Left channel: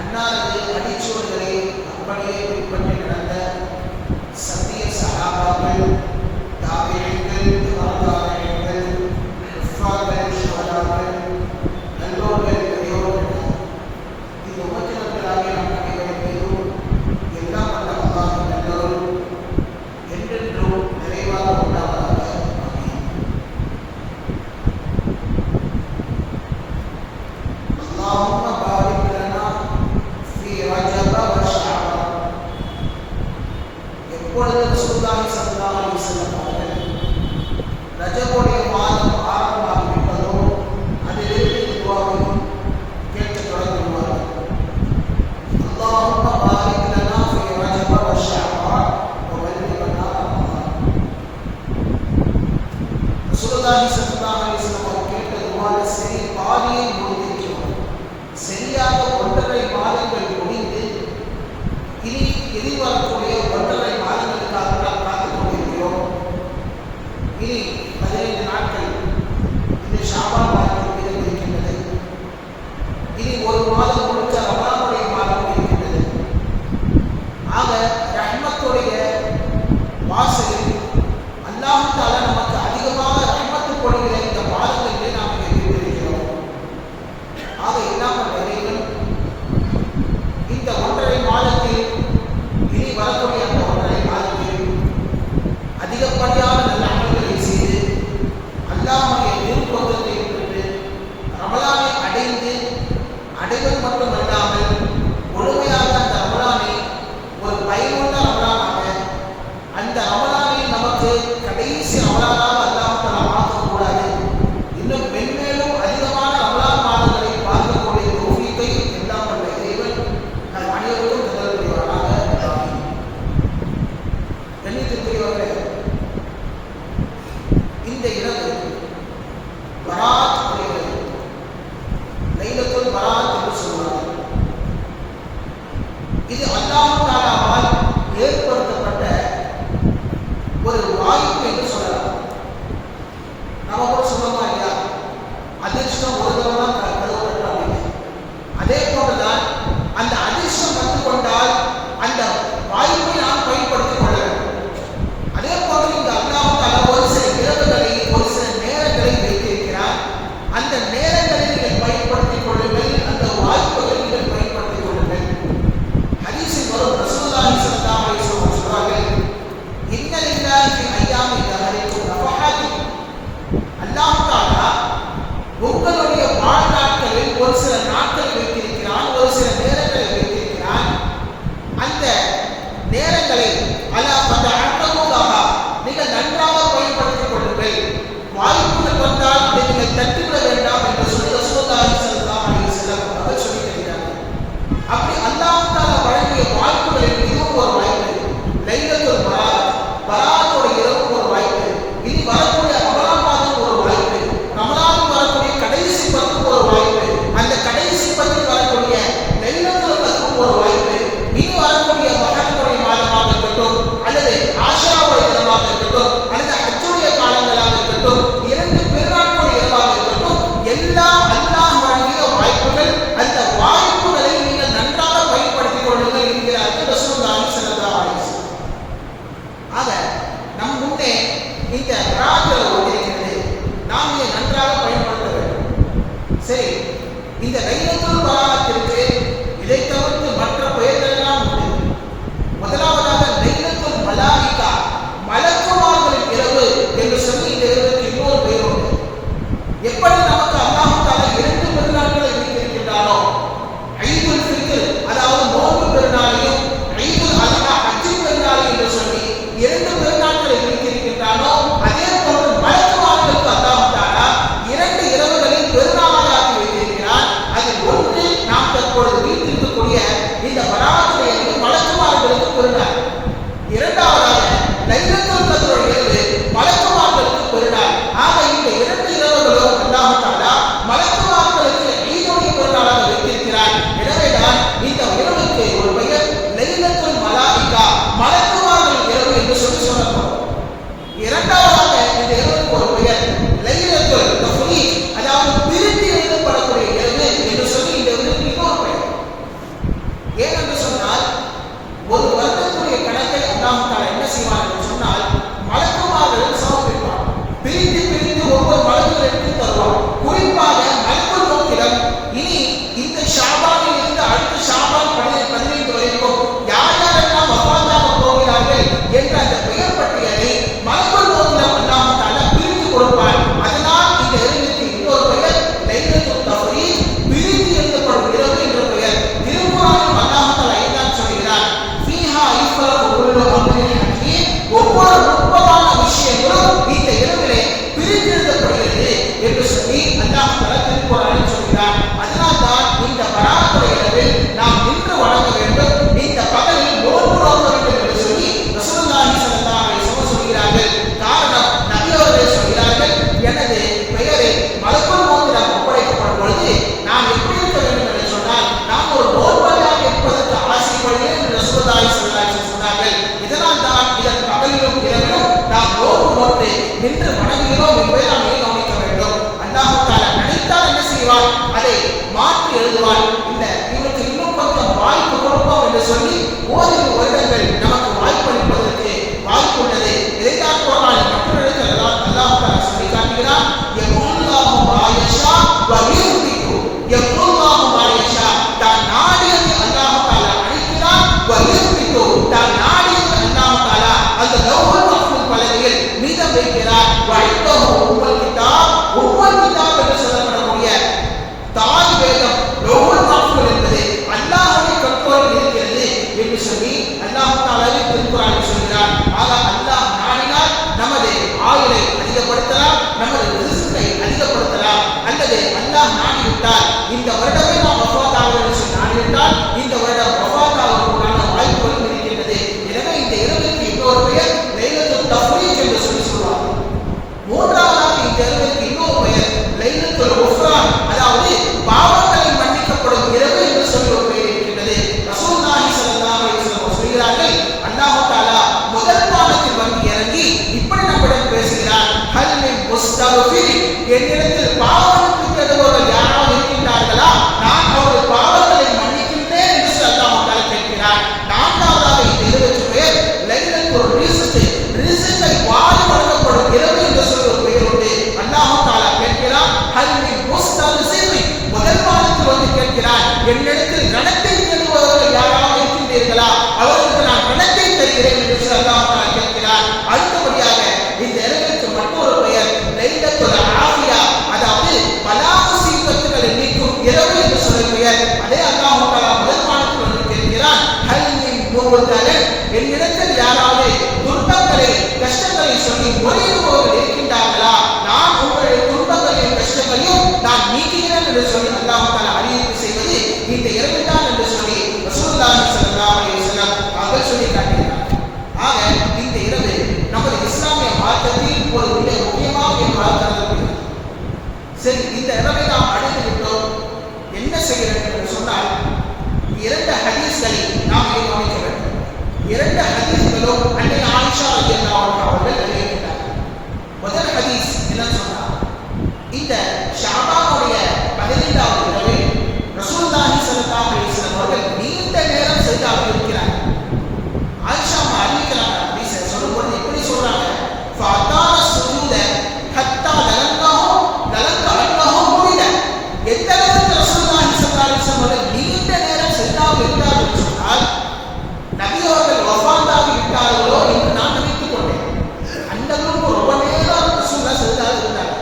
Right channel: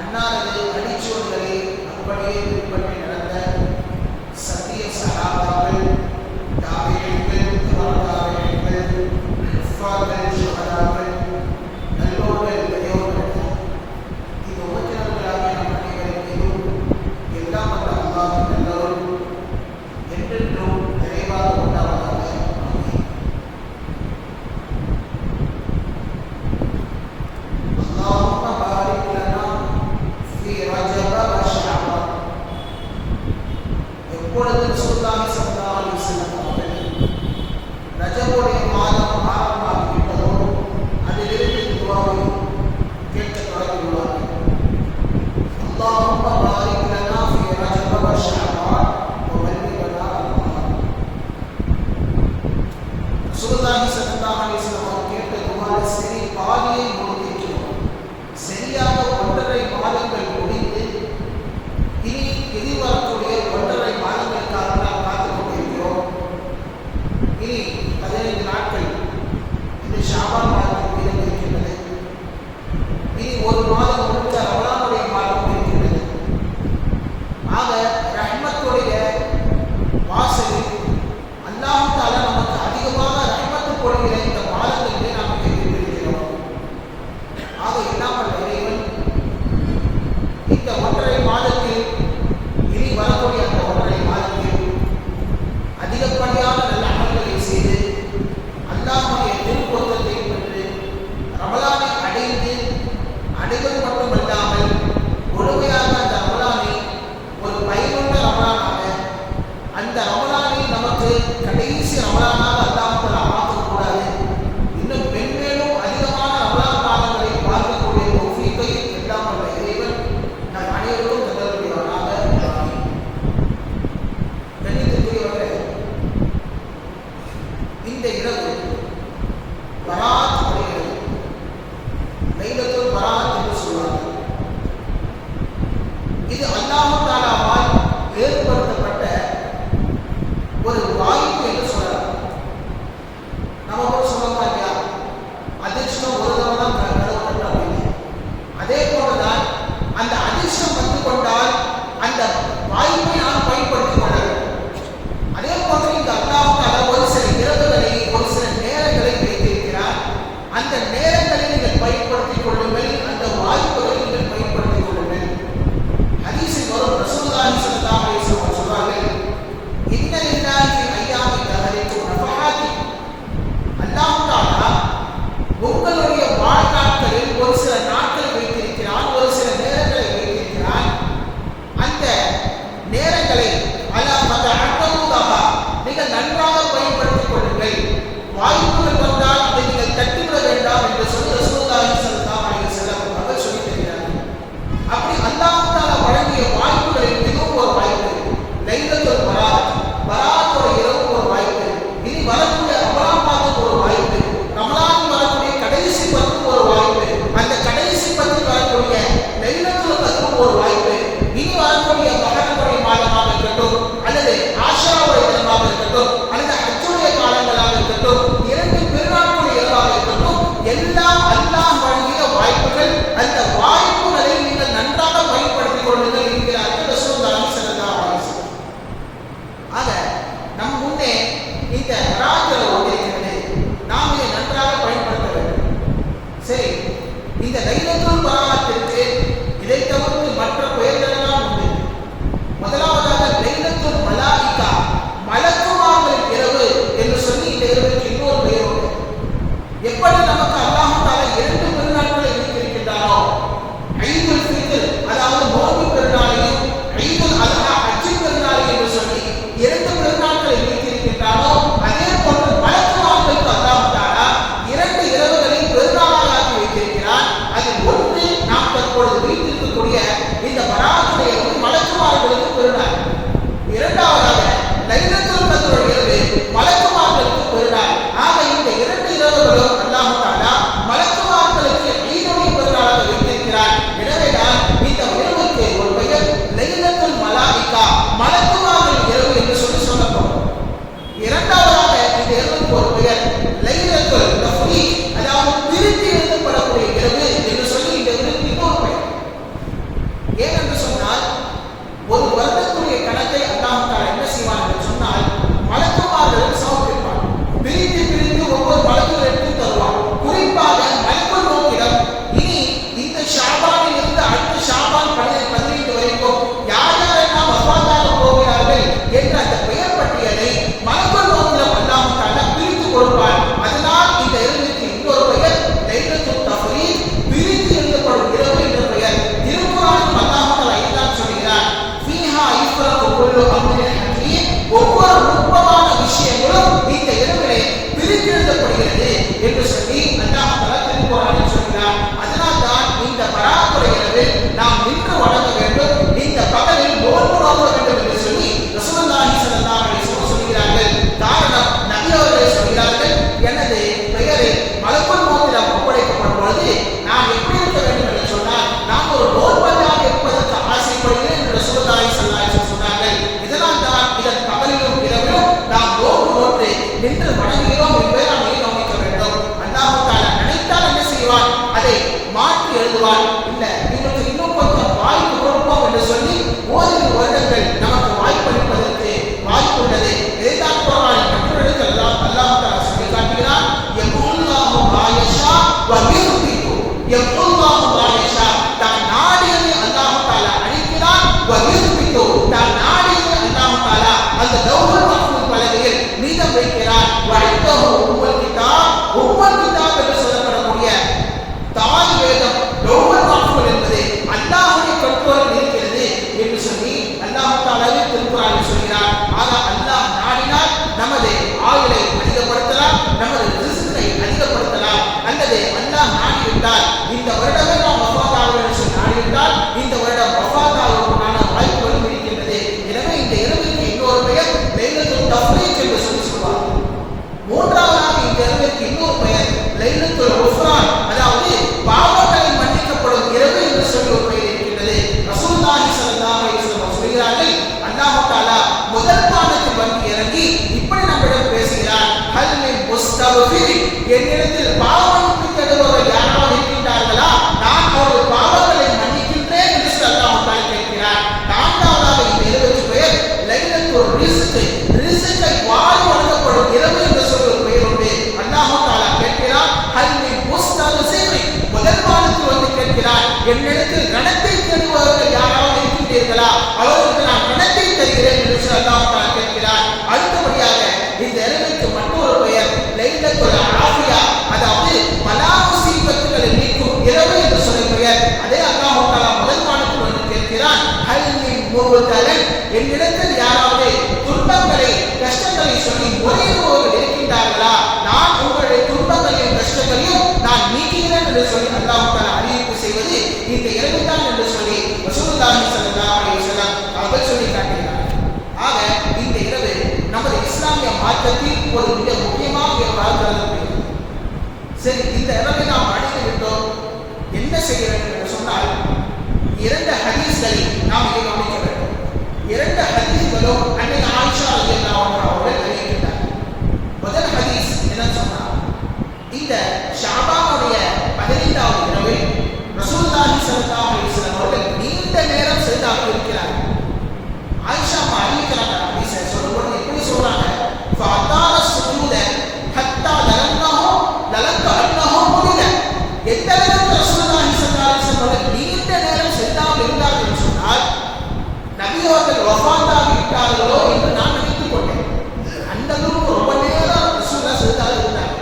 அன்னாரது அடிச்சொல்களை அப்படியே பின்பற்றி நடந்த சத்திய சஹாபாக்கள், தாபிஈன்கள், தாபிஈன்கள், குஃபார்கள், ஷுஹதாக்கள், நல்லோர்கள், பெரியோர்கள், இந்த உம்மத்தினர்களாகிய நம் அனைவரின் மீதும் எல்லாம் வல்ல அல்லாஹ்வின் நல்லருள் என்றென்றும் நிறைவாக உண்டாவதாக. எப்பொழுது ரசூலுல்லாஹி ஸல்லல்லாஹு அலைஹி வஸல்லம் அவர்கள் ரஜபுடைய மாதம் ஆரம்பமாகிவிட்டதோ அதிலிருந்து துஆவை கேட்கத் தொடங்கிவிடுவார்கள். அல்லாஹும்ம பாரிக் லனா ஃபீ ரஜப வ ஷஅபான் வ பல்லிக்னா ரமலான். ரசூலுல்லாஹி ஸல்லல்லாஹு அலைஹி வஸல்லம் அவர்கள் கேட்ட துஆல சரி பாதியை முடித்திருக்கிறோம். சரியாக 1.5 மாதங்கள் முடிந்து இனி எதிர்வரக்கூடிய 1.5 மாதங்களுக்காக நாம் காத்துக் கொண்டிருக்கிறோம். இனி 15 நாட்கள் இந்த ஷாபான் மாதம் இருக்கின்றது. இனி ஒரு மாதம் முழுக்க ரமலானுடைய மாதம் இருக்கின்றது. ஆக ரஹ்மத்துடைய வாசலில் அல்லாஹ் தஆலா நமக்கு அதிகமாக ரஹ்மத்து பொழிகிற இந்த மாதங்களிலே நாம் இருக்கின்றோம். ஆக எல்லாம் வல்ல இறைவன் இந்த 1.5 மாதத்தில் இனி வரக்கூடிய அந்த 1.5 மாதத்தில் அதிகப்படியான நல்ல அமல்களை செய்து அல்லாஹ்வுடைய திருப்பொருத்தத்தை பெற்று ரமலானை அடைவது மட்டுமல்லாமல் முழுமையாக அந்த ரமலானை ஒரு பயனுள்ள ரமலானாக, அந்த ரமலானை நமக்கு கடைசி ரமலானாக அல்லாஹ் தஆலா ஆக்கக்கூடாது, இன்னும் மென்மேலும் அதிகமான ரமலான் மாதங்களை பார்க்கக்கூடிய தௌஃபீக்கை எல்லாம் வல்ல இறைவன் நம் அனைவருக்கும் தந்தருள்வானாக. கண்ணியத்திற்குரியவர்களே, இந்த இரவு பராத் வருகிறது. லைலத்துல் பராத் என்று சொல்வார்கள். இது அல்லாஹ் தஆலாவால் ஏற்படுத்தப்பட்ட ஒரு வாய்ப்பு என்று சொல்லலாம். நம்ம கூட சொல்லுவோமா இல்லையா, அதிர்ஷ்டம் ஒரு தடவை தான் கருதப்பட்ட அப்படின்னு. அதே போன்றுதான் அந்த அதிர்ஷ்டம் வந்து கொண்டால் அந்த வாய்ப்பை நாம் பயன்படுத்திக் கொள்ள வேண்டும். அதே போன்று இந்த அல்லாஹ் தஆலா ஒரு சில இரவுகளை, ஒரு சில நேரங்களை வைத்திருக்கிறார். அந்த நேரங்களை நீங்கள் பயன்படுத்திக் கொள்ளுங்கள், அந்த வாய்ப்புகளை நீங்கள் பயன்படுத்திக் கொள்ளுங்கள். ஹதீஸில் வரும் ரசூலுல்லாஹி ஸல்லல்லாஹு அலைஹி வஸல்லம் சொல்வார்கள், இன்ன லில்லாஹி ஃபில் அய்யாமி தஹரிக்கு நஃபஹாத்தி. அல்லாஹ் தஆலா உங்களுடைய வாழ்நாட்களில் ஒரு சில நாட்கள் வைத்திருக்கிறான், ஒரு சில நேரங்களை வைத்திருக்கிறான். அந்த நேரங்களை வரக்கூடிய வாய்ப்புகளில் இதுவும் ஒரு வாய்ப்பு. லைலத்துல் பராத், பராத்தோட இரவு ஒரு வாய்ப்பு. இனி வரக்கூடிய ரமலானுக்கு ஒரு வாய்ப்பு. ரமலானுக்கு வரக்கூடிய கடைசி பத்துக்கு ஒரு வாய்ப்பு. அந்த கடைசி பத்தில் வரக்கூடிய லைலத்துல் கத்ருக்கு ஒரு வாய்ப்பு. இனி வரக்கூடிய மஹர்ரமுடைய மாதமாக இருக்கட்டும், அல்லது ஆஷாவுடைய தினமாக இருக்கட்டும், அல்லது ஹஜ்ஜுடைய காலங்களாக இருக்கட்டும், 2 பெருநாட்களுடைய இரவாக இருக்கட்டும், எல்லாம் அல்லாஹ் வழங்கிய வாய்ப்புகள். அந்த வாய்ப்புகளை நீங்கள் நன்றாக பயன்படுத்திக் கொள்ளுங்கள் என்கிறார்கள் ரசூலுல்லாஹி ஸல்லல்லாஹு அலைஹி வஸல்லம். ஆக நம் முன்னே இந்த பராத்தில் இருக்கிறது, நாம் இதை நன்றாக பயன்படுத்த வேண்டும். சரி, இந்த லைலத்துல் பராத்திற்கு இதை தவிர்த்து மற்ற பெயர்கள் எல்லாம் உண்டு. முதலாவதாக லைலத்துல் மலாயிகா, மலக்குமார்களின் இரவு என்று சொல்லி இந்த இரவுக்கு இன்னொரு பெயர் உண்டு. எப்படி நமக்கு அல்லாஹ் தஆலா 2 பெருநாட்களை வைத்திருக்கின்றாரோ, ஈதுல் ஃபித்ர் அதாவது நோன்பு பெருநாளையும், ஈதுல் அல்ஹா ஹஜ் பெருநாளையும் என்று சொல்லி 2 பெருநாட்களை வைத்திருக்கின்றாரோ, அதே போன்று மலக்குமார்களுக்கு அல்லாஹ் தஆலா 2 இரவுகளில் பெருநாளாக ஆக்கி வைத்திருக்கிறார். அதில் ஒன்று நாம் தற்பொழுது வைத்திருக்கக்கூடிய இந்த பராத்துடைய மலக்குமார்களுக்கு பெருநாள். இரண்டாவதாக லைலத்துல் கத்ருடைய இரவு மலக்குமார்களுக்கு பெருநாள். ஆக இந்த 2 இரவுகளும் அல்லாஹ் தஆலா மலக்குமார்களுக்கு ஈதுடைய பெருநாளாக வைத்திருக்கிறார். எனவேதான் இந்த இரவுக்கு ஒரு பெயர் லைலத்துல் மலாயிகா, மலக்குமார்களின் இரவு என்று சொல்லப்படும். இரண்டாவதாக இந்த இரவுக்கு ஒரு பெயர் லைலத்துல் தஃப்ரீக், அதாவது பிரித்து எழுதப்படக்கூடிய இரவு என்று சொல்லி இந்த இரவுக்கு இன்னொரு பெயர். ஏனென்று சொன்னால், ஒரு வருடத்துடைய கணக்கை அல்லாஹ் தஆலா என்ன செய்வான் என்று சொன்னால், மலக்குமார்களுக்கு சமர்ப்பிப்பான். பிரித்து பிரித்து ஒவ்வொரு மலக்குகள் எடுத்து தருவான். குறிப்பாக மலக்குல் மௌத்திடம் இனி இந்த ஷாபானில் இருந்து அடுத்த ஷாபான் 15 வரைக்கும் யார் யாரெல்லாம் வஃபாத்தாக போகிறார்கள் என்ற அந்த பெயர் பட்டியலை மலக்குல் மௌத்திடம் அல்லாஹ் தஆலா பிரித்து கொடுப்பான். அதனால் இந்த இரவுக்கு இன்னொரு பெயர் லைலத்துல் தஃப்ரீக், பிரித்து எழுதப்படும் இரவு என்ற பெயர். திருக்குர்ஆனில் அல்லாஹ் தஆலா இதான் சொல்கிறார், ஃபீஹா யுஃப்ரகு குல்லு அம்ரின் ஹகீம், ஒவ்வொரு நுட்பமான விஷயங்களும் இந்த இரவிலே பிரித்து எழுதப்படுகிறது என்று சொல்லி அல்லாஹ் தஆலா திருக்குர்ஆனில் சொல்கிறார். அதனால் தான் இந்த பராத்துடைய இரவில் நாம் நின்று வணங்க வேண்டும், இந்த பகலில் நோன்பு நோக்க வேண்டும் என்று சொல்லி ரசூலுல்லாஹி ஸல்லல்லாஹு அலைஹி வஸல்லம் சொல்கிறார்கள். காரணம், நபி அவர்களே சொல்கிறார்கள், எனது பெயரை மலக்குல் மௌத்திடம் ஒப்படைக்கப்படும் பொழுது நான் எப்படி இருக்க வேண்டும் என்று சொன்னால், நான் ஒரு நோன்பாளியாக இருப்பதற்கு ஆசைப்படுகிறேன் என்று ரசூலுல்லாஹி ஸல்லல்லாஹு அலைஹி வஸல்லம் சொன்னார்கள். இதனால் தான் இதன் பகலிலும் இரவிலும் நாம் நோன்பு நோற்று நின்று வணங்குகிறோம் என்பதை நாம் கவனிக்க வேண்டும். அல்லாஹ் தஆலா நினைத்தால் என்ன செய்வான், அதை மாற்றி எழுதுவான். இல்ல, இவனுக்கு இன்னும் கொஞ்சம் வாய்ப்பு கொடுப்போம் என்று சொல்லி ஓரிரு வருடங்கள் நமக்கு வாய்ப்பளிப்பதற்கு வாய்ப்புள்ளது. இதைத்தான் குர்ஆனில் மற்றொரு இடத்தில் அல்லாஹ் தஆலா சொல்லி காட்டுகிறான், யமுல்லாஹு மா யஷா வ யுஹ்பிகு, யமுல்லாஹு மா யஷா, தான் நாடியதை அல்லாஹ் தஆலா அளிக்கிறான். வ யுஹ்பிகு, தான் நாடியதை அல்லாஹ் தஆலா அந்த லவ்ஹுல் மஹ்ஃபூஸ் பலகையில் மீதம் வைக்கிறான். வ இந்தஹு உம்முல் கிதாப், உம்முல் கிதாப் என்று சொல்லப்படக்கூடிய தாய் வேதம், லவ்ஹுல் மஹ்ஃபூஸ் என்பது அல்லாஹ்வுடைய கண்ட்ரோலில் இருக்கிறது என்று சொல்லி அல்லாஹ் தஆலாவே திருக்குர்ஆனில் சொல்கிறார். ஆக அல்லாஹ் நாடினால் நமது ஆயுளை அதிகப்படுத்தலாம், நமது ரிஸ்கை அதிகப்படுத்தலாம். அல்லது அல்லாஹ் நாடிவிட்டால் இந்த வருடமே நாம் வஃபாத் ஆக வேண்டும் என்று நாடிவிட்டால் இந்த வருடம் வஃபாத் ஆவதற்கான வாய்ப்புகளும் இருக்கின்றது. எனவே இந்த இரவுக்கு இன்னொரு பெயர் லைலத்துல் தஃப்ரீக் என்று சொல்லுவார். மூன்றாவதாக இந்த இரவுக்கு இன்னொரு பெயர் லைலத்துல் குஃப்ரான், அதாவது பாவங்களை மன்னிக்கப்படும் இரவு என்று சொல்லி ஒரு பெயர் இருக்கின்றது. ரசூலுல்லாஹி ஸல்லல்லாஹு அலைஹி வஸல்லம் சொல்கிறார்கள், அல்லாஹ் தஆலா முதல் வானத்தில் வந்து இறங்கி இப்படி நம்மிடம் பேசுகிறார், ஹல் மின் முஸ்தக்ஃபிர், என்னிடத்தில் பாவ மன்னிப்பு தேடுபவர்கள் யாராவது இருக்கின்றார்களா, நான் அவர்கள் பாவங்களை மன்னிக்கின்றேன் என்று அல்லாஹ் தஆலா கேட்கிறார். நான்காவதாக இந்த இரவுக்கு பெயர் லைலத்துல் ரிஸ்க், ரிஸ்கை வாரி வழங்கப்படும் இரவு என்று சொல்லி ஒரு பெயர் உண்டு. அல்லாஹ் தஆலா கேட்கிறார், ஹல் மின் முஸ்தக்ஃபிர், முதல் வானத்தில் வந்து கேட்கிறார், என்னிடத்தில் ரணத்தை தேடுபவர்கள் யாராவது இருக்கின்றீர்களா, அவர்களுக்கு நான் ரணத்தை தருகிறேன் என்று அல்லாஹ் தஆலா கேட்கிறார். அடுத்தபடியாக இந்த இரவுக்கு மற்றொரு பெயர் லைலத்துல் ஆஃபியா, அதாவது பலா முசீபத்துகளை நீக்கும் இரவு என்று சொல்லி பெயர். அதே அல்லாஹ் தஆலா முதல் வானத்தில் வந்து கேட்கிறான், ஹல் மின் முபதலன், என்னிடத்தில் யாராவது துன்பங்களை கஷ்டங்களை சொல்லி முறையிடுபவர்கள் இருக்கின்றார்களா, நான் உங்களுடைய துன்பங்களையும் கஷ்டங்களையும் நான் நீக்குகிறேன் என்று சொல்லி அல்லாஹ் தஆலா அறிவிப்பு செய்வது இந்த இரவுதான் என்று சொல்லி ரசூலுல்லாஹி ஸல்லல்லாஹு அலைஹி மார்க்கத்தில் ஒரு மிக முக்கியமான இரவாக கருதப்படுகிறது. சரி, இந்த இரவை நாம் அடைந்து விட்டோம், என்ன செய்ய வேண்டும் என்று சொன்னால் 2 ஹதீஸ்களை நாம் இங்கே கவனிக்க வேண்டும். 2 ஹதீஸ்களும் அன்னை ஆயிஷா ரலியல்லாஹு அன்ஹா அவர்கள் அறிவிக்கின்றார்கள். முதல் ஹதீஸ் என்ன சொன்னார், இந்த ஷாபானுடைய 15வது இரவில் ரசூலுல்லாஹி ஸல்லல்லாஹு அலைஹி வஸல்லம் அவர்கள் நீண்ட நேரம் சஜ்தாவில் இருக்கிறார்கள். ஆயிஷா அம்மா அறிவிக்கிறாங்க. ஹதீஸை சொல்லும்போது எப்படி சொல்றாங்க, ஃபஅதான சுஜூத ஹத்தா லலன்க அன்னஹு முடில. எந்த அளவுக்கு ரசூலுல்லாஹி ஸல்லல்லாஹு அலைஹி வஸல்லம் அவர்கள் நீண்ட நேரம் சஜ்தாவில் இருந்தார்கள் என்று சொன்னால், நபி அவர்கள் வஃபாத்தாகி விட்டார்களோ என்று நான் நினைத்துக் கொண்டேன். அந்த அளவுக்கு ரொம்ப நேரம் ரசூலுல்லாஹ் சஜ்தாவில் இருந்தாங்க.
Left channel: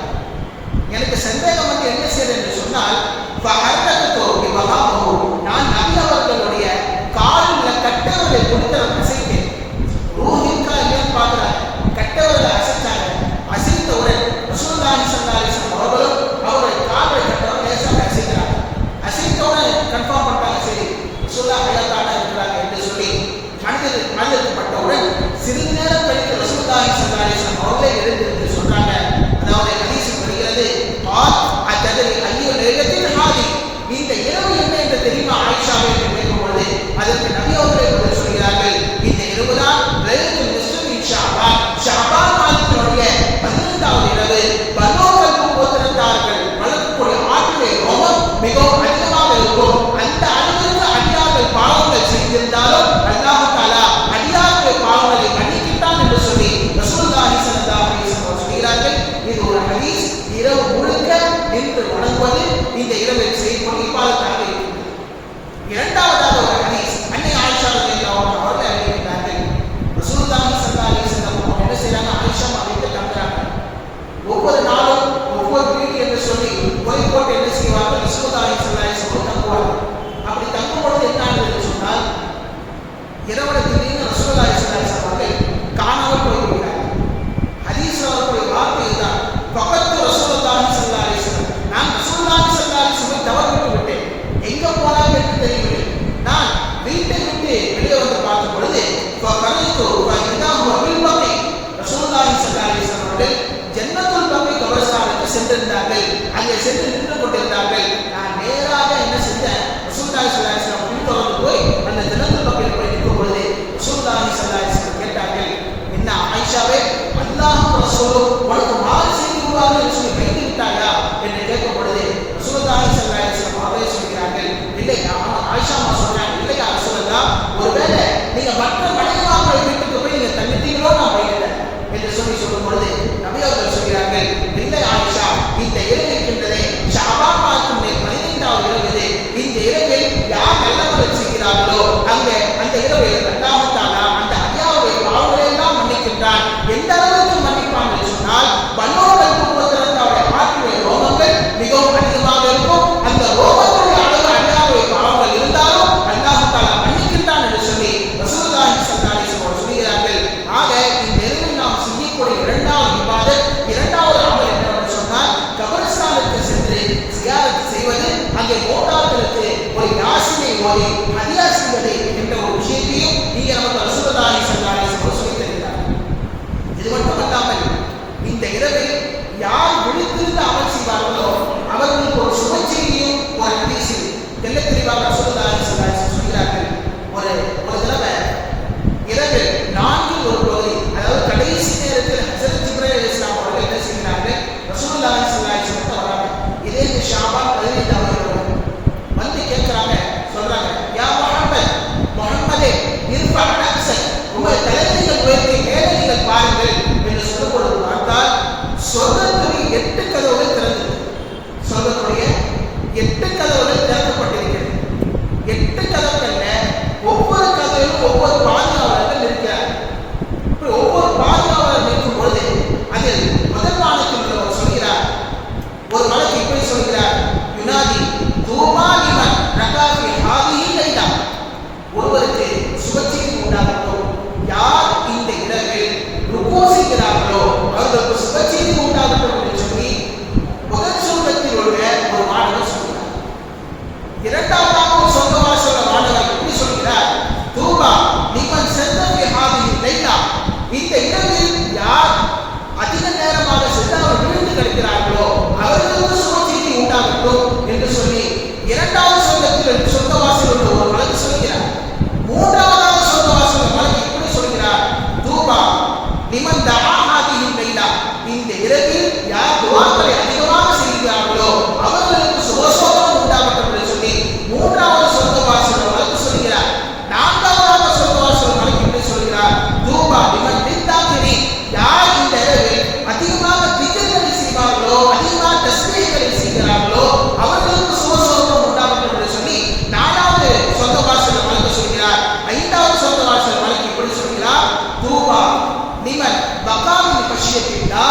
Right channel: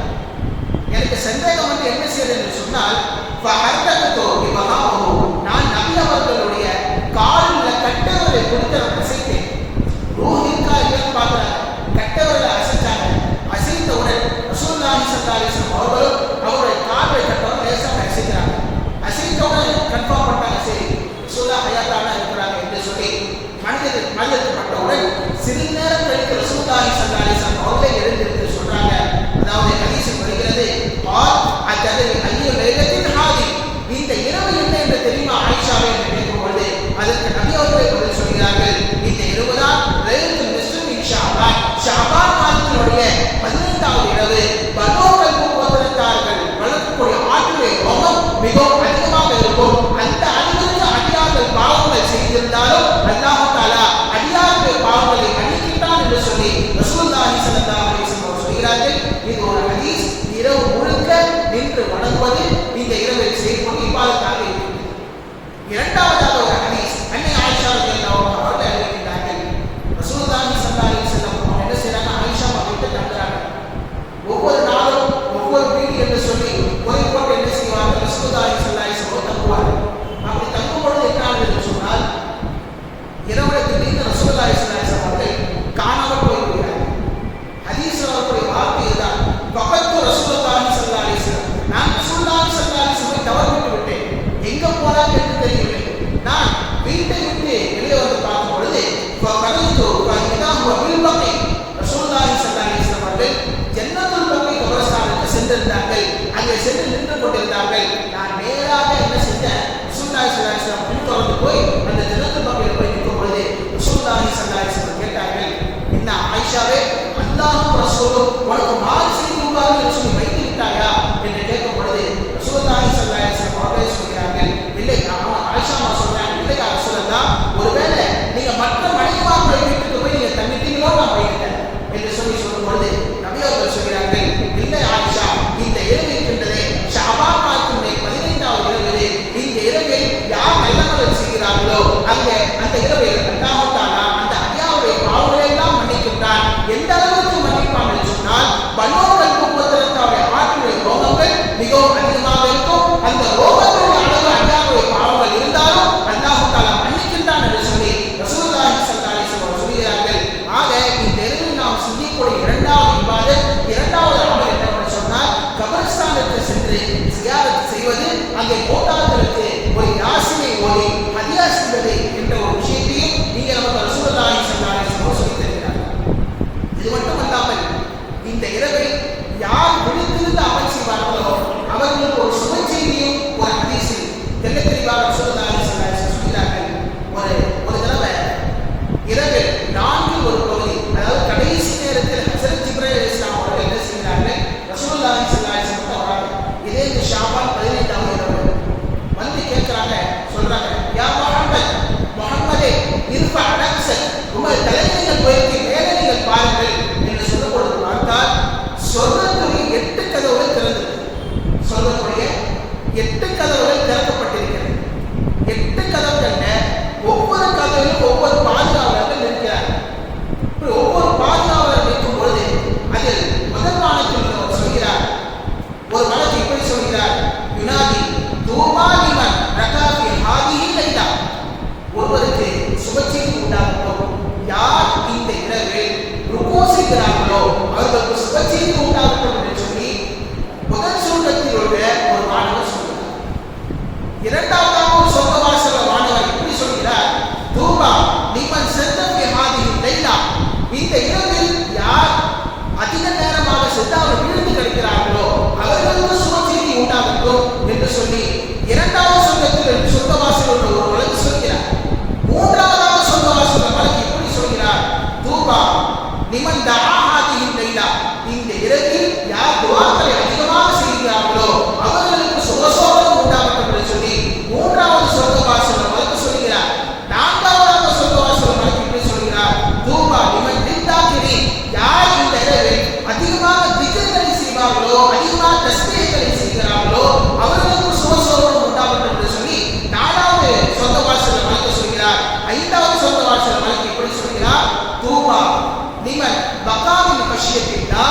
எனக்கு சந்தேகம் வந்து என்ன செய்யறது என்று சொன்னால், நான் நபி அவர்களுடைய காலில் கட்டவர்களை கொடுத்து நான் அசைத்தேன். ரூஹ் இருக்கா இல்லையான்னு பார்க்குறாங்க. கட்டவர்களை அசைத்தாங்க. அசைத்தவுடன் ரசூலுல்லாஹி ஸல்லல்லாஹு அலைஹி வஸல்லம் அவர்களும் அவருடைய காலை கட்டவரை லேசாக அசைக்கிறாங்க. அசைத்தவுடன் கன்ஃபார்ம் பண்ணிட்டாங்க, சரி ரசூலுல்லாஹ் ஹயாத்தானா இருக்கிறாங்க என்று சொல்லி மனிதப்பட்டவுடன் சிறிது நேரம் கழித்து ரசூலுல்லாஹி ஸல்லல்லாஹு அலைஹி வஸல்லம் அவர்களே எழுந்திருந்து சொல்றாங்க. அதாவது ஹதீஸில் வருகிறது, ஐயோ லைலத்தின் ஹாதி, இந்த இரவு என்ன என்று தெரியுமா ஆயிஷாவே என்று கேட்கும் பொழுது அதற்கு நபி அவர்களே பதில் சொல்கிறார்கள், இந்த இரவுதான் லைலத்துல் நிஸ்ஃபு மின் ஷஅபான், ஷஅபான் மாதத்தினுடைய 15வது இரவு. பனூ கல்பு கோத்திரத்தார்கள் வளர்க்கக்கூடிய ஆற்றிலே கோபம் மிகவும் அதிகமாக இருக்கும். அந்த அளவிற்கு அடியார்கள் பாவங்கள் செய்திருந்தாலும் அல்லாஹ் தஆலா அடியார்கள் பாவங்களை மன்னிக்கிட்டான் என்று சொல்லி ரசூலுல்லாஹி ஸல்லல்லாஹு அலைஹி வஸல்லம் சொல்கிறார்கள். இது ஒரு ஹதீஸ். இரவு முழுக்க நின்று வணங்குவது இந்த இரவில் செய்யக்கூடிய இபாதத்தாக இருக்கிறது. இரண்டாவதாக ஒரு ஹதீஸ், அன்னை ஆயிஷா ரலியல்லாஹு அன்ஹா அவர்கள் அறிவிக்கிறார்கள். ரசூலுல்லாஹி ஸல்லல்லாஹு அலைஹி வஸல்லம் அவங்க என்ன செய்றாங்க, ஆயிஷா வீட்டுக்கு தங்குறாங்க. ஒவ்வொரு நாளும் ஒவ்வொரு வீடு என்று சொல்லி முறை போட்டு என்ன செய்வார்கள், ரசூலுல்லாஹி ஸல்லல்லாஹு அலைஹி வஸல்லம் தங்குவார்கள். அப்படி தங்கும் பொழுது என்ன ஆனது என்று சொன்னால், இரவுல திடீர்னு ரசூலுல்லாஹி ஸல்லல்லாஹு அலைஹி வஸல்லம் அவர்கள் காணாமல் போய்விடுகிறார்கள். ஹதீஸ் அவர்களுடைய வார்த்தை இதுதான், ஃபகத்து ரசூலுல்லாஹி ஸல்லல்லாஹு அலைஹி வஸல்லம், நான் ரசூலுல்லாஹி ஸல்லல்லாஹு அலைஹி வஸல்லம் தவறிவிட்டு விட்டேன், எங்க போனாங்க என்று தெரியவில்லை. நான் வீட்டை விட்டு வெளியே வந்து பார்க்கும் பொழுது ரசூலுல்லாஹி ஸல்லல்லாஹு அலைஹி வஸல்லம் அவர்கள் ஜன்னத்துல் பக்கி கபரஸ்தானுக்கு சென்றிருந்தார்கள். அங்கே சென்று நின்று கொண்டிருந்தார்கள். நான் நேராக என்ன செஞ்சேன், ரசூலுல்லாஹி ஸல்லல்லாஹு அலைஹி வஸல்லம் பின்தொடர்ந்து போய் அந்த ஜன்னத்துல் பக்கியில் போய் நிற்கும் பொழுது ரசூலுல்லாஹி ஸல்லல்லாஹு அலைஹி வஸல்லம் கேட்டார்கள், என்ன ஆயிஷாவே, அல்லாஹ்வும் ரசூலும் உனக்கு மாறு செய்திருவார்கள் என்று சொல்லி வைத்து விட்டாயா என்று கேட்கும் பொழுது ரசூலுல்லாஹி ஸல்லல்லாஹு அலைஹி வஸல்லம் அவர்கள் சொல்கிறார்கள், இல்லை ஆயிஷா சொல்றாங்க, இல்லையா ரசூலல்லாஹ், ஒருவேளை நீங்க மற்ற மனைவிமார்கள் வீட்டுக்கு போய் நீங்க தங்கிட்டீங்களோ நான் வைக்கிறேன் என்று சொல்லும் பொழுது நபி அவர்கள் சொல்கிறார்கள், இல்லை ஆயிஷா, இந்த இரவு இருக்கின்றதே ஷஅபான் மாதத்தினுடைய 15வது இரவு இது. இந்த இரவில் யார் நல்லவர்கள் செய்கிறார்களோ அங்கே அந்த இரவில் அல்லாஹ் தஆலா அந்த அடியாருடைய பாவங்களை எல்லாம் மன்னிக்கின்றான். எந்த அளவுக்கு மன்னிப்பான் என்று சொன்னால், பனூ கல்பு கோத்திரத்தாருடைய ஆற்றிலே ரோமங்கள் மிகவும் அதிகமாக இருக்கும். அந்த ரோமத்துடைய அளவு அல்லாஹ்வுடைய பாவங்கள் இருந்தாலும் அல்லாஹ் தஆலா மன்னிக்கின்றான் என்று சொல்லி ரசூலுல்லாஹி ஸல்லல்லாஹு அலைஹி வஸல்லம் சொல்கிறார்கள். ஆக இந்த இரவில் நாம் செய்யக்கூடிய இரண்டாவது இபாதத், இரண்டாவது அமல் என்னவென்று சொன்னால், கபர்ஸ்தானுக்கு சென்று ஜியாரத் செய்வது, அங்கே மூத்தார்களுக்கு ஒரு யாசினை ஓதி ஹதியா செய்வது என்ற ஒரு விஷயத்தையும் நீங்க நமக்கு ரசூலுல்லாஹி ஸல்லல்லாஹு அலைஹி வஸல்லம் சொல்லித் தருகிறார்கள். இது மட்டுமல்லாமல் இந்த இரவில் யார் விழித்திருந்து அமல் செய்வார்களோ அவர்களுக்கு ஒரு சுப செய்தியும் ஒரு ஹதீஸில் தெள்ள தெளிவாக ரசூலுல்லாஹி ஸல்லல்லாஹு அலைஹி வஸல்லம் சொல்கிறார்கள். ஒரு தடவை இரவில் 4 ஒரு பகுதி, அதாவது கடைசி நேரத்தில் ஹஜ்ரத் ஜிப்ரீல் அலைஹிஸ்ஸலாம் அவர்கள் என்ன செய்கிறார்கள், ரசூலுல்லாஹி ஸல்லல்லாஹு அலைஹி வஸல்லம் வராங்க. இதே ஷாபான் 15வது இரவு வந்து கேட்கிறாங்க, சொல்றாங்க, யா முஹம்மதே இர்ஃபா ரக்ஸக், உங்கள் தலைமைகள் உயர்த்தி மேலே நீங்கள் பாருங்கள் என்று சொல்லும் பொழுது பார்த்தால் சொர்க்கத்துடைய 8 கதவுகள் திறந்தது. சொர்க்கத்துடைய 8 கதவுகள் திறக்கப்பட்டிருக்கிறது. 8 கதவுகள்ல ஒவ்வொரு கதவிலும் ஒவ்வொரு பாதுகாவலர்கள் இருக்கிறார்கள். இப்படி ஒவ்வொரு பாதுகாவலர் நிற்கும் பொழுது அதில் முதல் வானத்தில் உள்ளவர் சொல்கிறார், ஒரு மலக்கு இப்படி சொல்கிறார், யுனாதி தூமா லிமன் ரகாஃபி ஹாதிஹி லைலா, ஒருவருக்கு சுபச்செய்தி உண்டாகட்டும், யார் இந்த இரவில் ருக்கு செய்கிறார்களோ அவர்களுக்கு சுபச்செய்தி உண்டாகட்டும் என்று சொல்லி முதல் சொர்க்கத்தில் உள்ள ஒரு மாணவர் சொல்கிறார். இரண்டாவதாக ஒரு சொர்க்கவாசல்ல மாணவர் எப்படி சொல்கிறார், தூபா லிமன் சல்லபி ஹாதிஹி லைலா, இந்த இரவில் யார் உண்டாகட்டும் என்று சொல்லி இரண்டாவது சொர்க்கத்தில் சொர்க்கவாசல் உள்ள ஒரு மலக்கு சொல்கிறார். மூன்றாவதாக சொர்க்கவாசல் மலக்கு இப்படி சொல்கிறார், தூபா லிமன் தஆ ஹாதிஹில் லைலா, இந்த இரவில் யார் துஆக்களை அதிகமாக செய்கிறார்களோ அவர்களுக்கு சுபசோபனம் உண்டாகட்டும் என்று சொல்லி மூன்றாவது சொர்க்கவாசல் மலக்கு சொல்கிறார். நான்காவதாக சொர்க்கவாசல் மலக்கு இப்படி சொல்கிறார், தூபா லிமன் லித்தாகிரி, யார் இந்த இரவில் அதிகமாக திக்ர்களை செய்வார்களோ அதிகமாக தஸ்பீஹ்களை செய்கிறார்களோ அவர்களுக்கு சுபசோபனம் உண்டாகட்டும் என்று சொல்லி நாலாவது சொர்க்கவாசல் மலக்கு சொல்கிறார். ஐந்தாவது சொர்க்கவாசல் மலக்கு இப்படி சொல்கிறார், தூபா லிமன் பகாமின் பஷ்யத்தில்லா,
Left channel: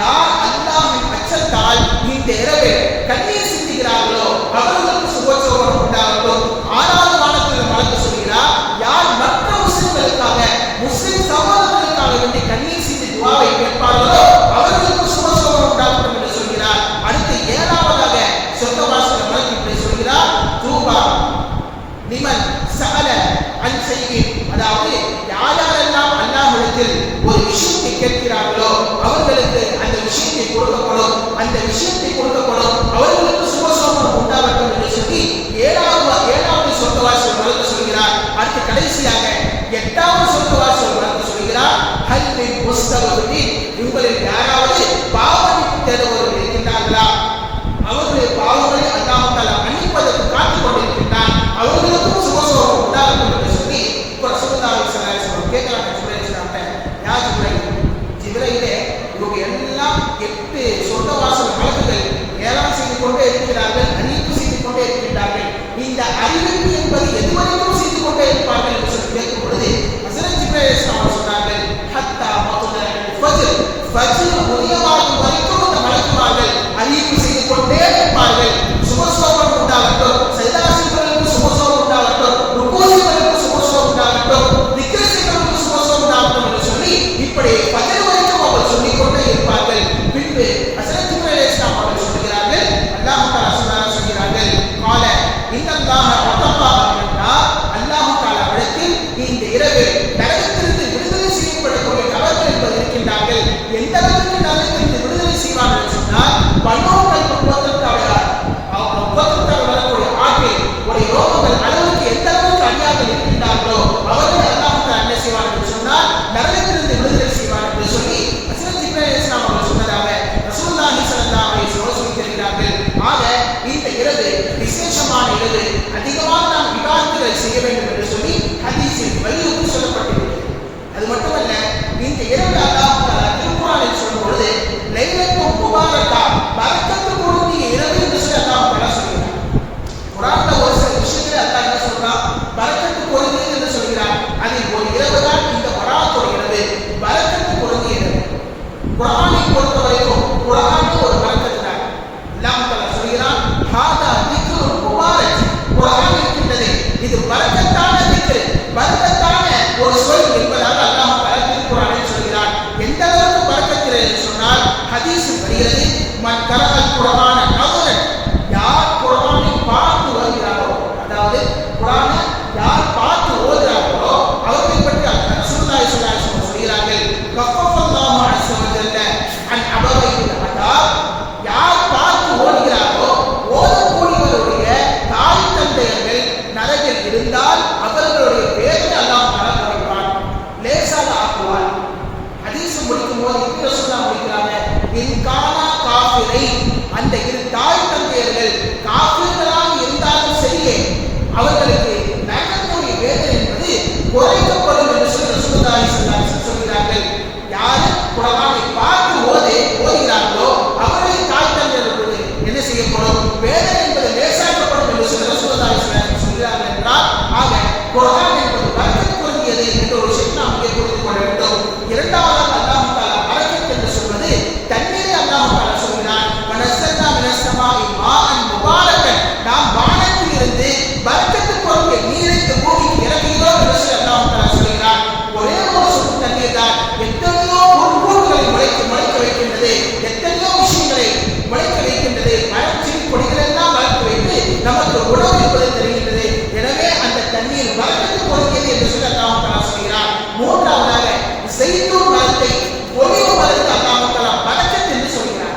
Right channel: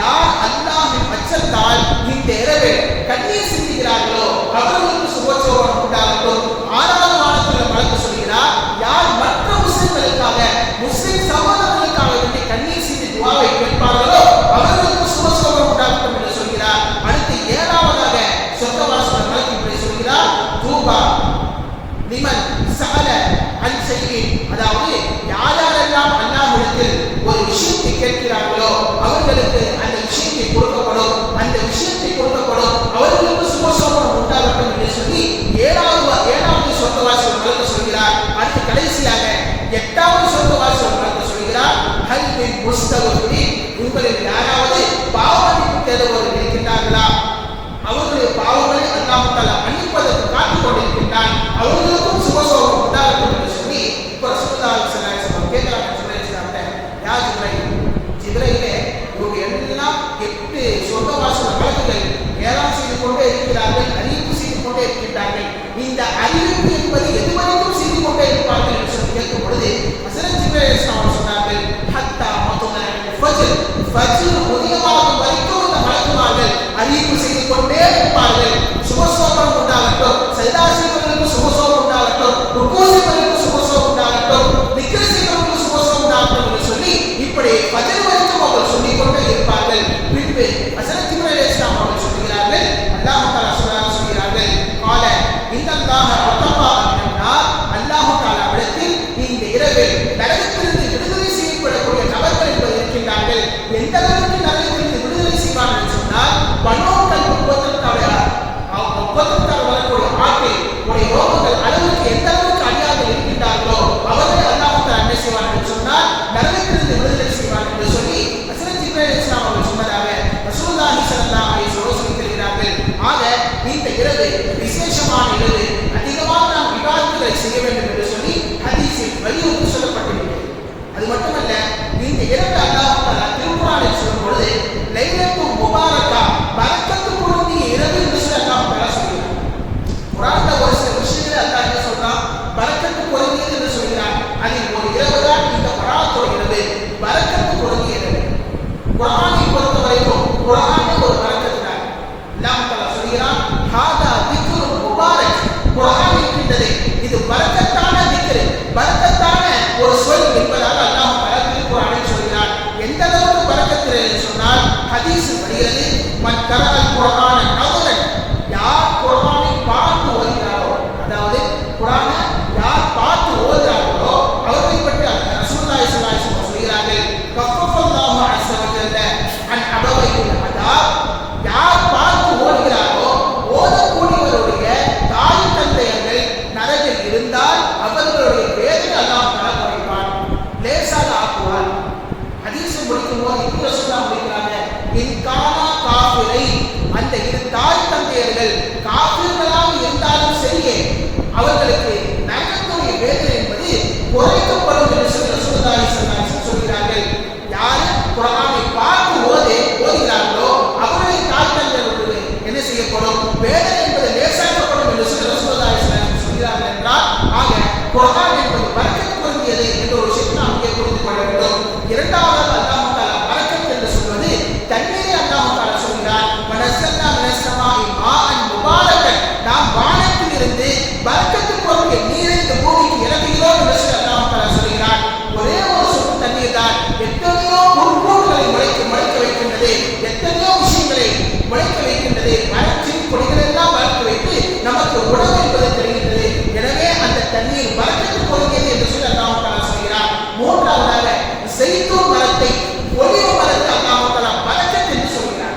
யார் அல்லாஹ்வின் அச்சத்தால் இந்த இரவில் கண்ணீர் சிந்துகிறார்களோ அவர்களுக்கு சுபசோபனம் உண்டாகட்டும். ஆறாவது வானத்தில் மலக்கு சொல்கிறார், யார் மற்ற முஸ்லிம்களுக்காக முஸ்லிம் சகோதரர்களுக்காக வேண்டி கண்ணீர் சிந்தி துஆவை கேட்பார்களோ அவர்களுக்கு சுபசோபனம் உண்டாகட்டும் என்று சொல்கிறார். அடுத்து ஏழாவதாக சொர்க்கவாசல் மலக்கு இப்படி சொல்கிறார், தூபா லிமன் சஅல அன் ஷைஇன், அதாவது யாரெல்லாம் அல்லாஹ்விடத்தில் ஒரு விஷயத்தை கேட்கிறார்களோ அவர்களுக்கு அந்த விஷயத்தை கொடுக்கப்படும், அந்த விஷயத்தை கொடுக்கப்படும், அவர்களுக்கு சுபசோபனம் உண்டாகட்டும் என்று சொல்லி ஏழாவது சொர்க்கவாசல் மலக்கு சொல்கிறார். அடுத்து கடைசியாக எட்டாவது சொர்க்கவாசல் மலக்கு சொல்கிறார், ஹல் மின் முஸ்தக்ஃபிரின், உங்களில் யாராவது பாவமன்னிப்பு தேடுபவர்கள் இருக்கின்றார்களா, அவர்களுடைய பாவங்களை அல்லாஹ் தஆலா மன்னிப்பதற்கு காத்துக் கொண்டிருக்கின்றான், அவர்களுக்கும் சுபசோபனம் உண்டாகட்டும் என்று சொல்லி இப்போ ரசூலுல்லாஹி ஸல்லல்லாஹு அலைஹி வஸல்லம் கேட்கிறாங்க ஜிப்ரீல், யா ஜிப்ரீலே இவங்க எல்லாம் 8 சொர்க்கவாசல் மலக்குகள் ஏலாம் செய்து கொண்டே இருக்கிறார்கள், அறிவிப்பு செய்து கொண்டே இருக்கின்றார்கள், இந்த அறிவிப்பு என்பது எதுவரைக்கும் செய்து கொண்டே இருப்பார்கள் என்று சொல்லி கேட்கும் பொழுது ஹஸரத் ஜிப்ரீல் அலைஹிஸ்ஸலாம் சொன்னார்கள், ஹத்தா மத்லஅல் ஃபஜ்ர், ஃபஜ்ர் உதயமாகும் வரைக்கும் இந்த மலக்குமார்கள் அறிவிப்பு செய்து கொண்டே இருப்பார்கள், சுபசோபனம் உண்டாகட்டும், சஜதா செய்வதற்கு சுபசோபனம் உண்டாகட்டும், ருக்கூ செய்வதற்கு சுபசோபனம் உண்டாகட்டும், திக்ர் செய்வதற்கு சுபசோபனம் உண்டாகட்டும் என்று சொல்லி இப்படி ஃபஜ்ர் வரைக்கும் அவர்கள் சொல்லிக் கொண்டே இருப்பார்கள். பின்பு ஹஸரத் ஜிப்ரீல் அலைஹிஸ்ஸலாம் அவர்கள் சொல்கிறார்கள், அல்லாஹ் தஆலா சொல்கிறார்கள், கால இன்னல்லாஹ ரத்தபா அன்னா, அல்லாஹ் தஆலா விடத்தில் இந்த இரவில் நரகத்திலிருந்து விடுதலை செய்யப்படக்கூடிய நபர்கள் என்பது இருக்கின்றார்கள். எந்த அளவுக்கு நரகத்திலிருந்து விடுதலை செய்வார்கள் என்று சொன்னால், பனோக்கள் உபத்திரத்தால் வரக்கூடிய ஆட்டில் உடைய ரோகங்கள் அளவுக்கு எந்த அளவுக்கு அடியார்கள் இருக்கின்றார்களோ அவர்கள் அல்லாஹ் தஆலா என்ன செய்வார் என்று சொன்னால் நரகத்திலிருந்து விடுதலை செய்வார் என்று சொல்லி ஹஸரத் ஜிப்ரீல் அலைஹிஸ்ஸலாம் அவர்கள் சொன்னதாக ரசூலுல்லாஹி ஸல்லல்லாஹு அலைஹி வஸல்லம் சொல்லியிருக்கிறார்கள். ஆக இந்த இரவு விசேஷமான இரவு, அதிகமாக நாம் இபாதத்துகளை செய்ய வேண்டும் என்று சொல்லி ஹதீஸில் வலியுறுத்தி சொல்லப்பட்டிருக்கிறது. அது மட்டுமல்ல, இந்த இரவு அல்லாஹ் தஆலா திருக்குர்ஆனில் சொல்லும் பொழுது லைலத்துல் முபாரக்கா, பரக்கத்து பொருந்திய இரவு என்று சொல்லி அல்லாஹ் தஆலா சொல்கிறார். குர்ஆன்ல ஒரு சில விஷயங்களை அல்லாஹ் என்ன சொல்றான், பரக்கத்து பொருந்தியது என்று சொல்கிறான். அதில் ஒரு இரவு தான் இந்த பராத்துடைய இரவு, பரக்கத்து பொருந்திய இரவு. குர்ஆனை பொறுத்தவரைக்கும் குர்ஆனே ஒரு பரக்கத்து தான். அல்லாஹ் தஆலா சொல்கிறான், ஹாதா திக்ருல் முபாரக், குர்ஆன் இருக்கின்றது இது பரக்கத்தான திக்ர், பரக்கத்தான ஒரு சொல் என்பதாக அல்லாஹ் தஆலா திருக்குர்ஆனில் சொல்கிறான். எந்த அளவுக்கு பரக்கத்து என்று சொன்னால் ஹதீஸில் வருகிறது, மன் கரஅல் குர்ஆன நவரன், யார் குர்ஆனை பார்த்து ஓதுகிறாரோ, அதாவது குர்ஆனை யார் பார்த்து ஓதுகிறார்களோ அவர்களை பற்றி ரசூலுல்லாஹி ஸல்லல்லாஹு அலைஹி வஸல்லம் சொல்கிறார்கள், கஃபஃபல்லாஹு அஸ்ஸ வஜல்ல அன் அபவையில் அதாப், யார் பார்த்து ஓதுகிறாரோ ஓதக்கூடியவருடைய தாய் தந்தையர்கள் நரகில் இருந்தால் அவர்களுடைய வேதனை அல்லாஹ் தஆலா குறைப்பான், லேசாக ஆக்குவான். ஹதீஸ் முடிக்கும் போது இப்படி ரசூலுல்லாஹ் முடிக்கிறாங்க, இன்கானா காஃபிரை, அந்த இரு தாய் தந்தையர்கள் காஃபிர்களாக இருந்தாலும் சரியே அவர்களுக்கு நரகத்துடைய வேதனை என்பது குறைக்கப்படும் என்று சொல்லி ரசூலுல்லாஹி ஸல்லல்லாஹு அலைஹி வஸல்லம் சொல்கிறார்கள். யார் குர்ஆனை பார்த்து ஓதுகிறார்களோ அவர்களை தாய் தந்தையர்களுக்கு என்ன செய்யப்படும், வேதனை என்பது லேசாக்கப்படும் என்று சொல்லி ரசூலுல்லாஹி ஸல்லல்லாஹு அலைஹி வஸல்லம் சொல்கிறார்கள் என்றால், ஆக குர்ஆன் என்பது பரக்கத் பொருந்தியது என்ற ஒரு விஷயத்தை நாம் இங்கே புரிந்து கொள்ள வேண்டும். இரண்டாவதாக அல்லாஹ் தஆலா பரக்கத் என்று சொல்வது தண்ணீரை அல்லாஹ் தஆலா சொல்கிறான், வனஸ்ஸல்னா மினஸ் ஸமாஇ மாஅன் முபாரக்கன், நாம் வானத்தில் இருந்து பரக்கத்து பொருந்திய நீரை இந்த பூமிக்கு இறக்குகிறோம் என்று சொல்லி அல்லாஹ் தஆலா சொல்கிறான். ஒரே ஒரு சொட்டு தண்ணீர் தான் எத்தனையோ பொருட்களை முளைக்க வைக்கின்றது, எத்தனையோ விஷயங்களை முளைக்க வைக்கின்றது, மரச்செடி கொடிகள் எல்லாம் வளர்த்து வைத்து நமக்கு உணவு என்பதை தருகின்றது. எனவே அந்த தண்ணீர் பரக்கத்து பொருந்தியது என்று சொல்லி அல்லாஹ் தஆலா சொல்கிறான். மூன்றாவதாக ஸைத்தூன் மரத்தை, ஒலிவ மரத்தை அல்லாஹ் தஆலா பரக்கத் என்று சொல்கிறான்.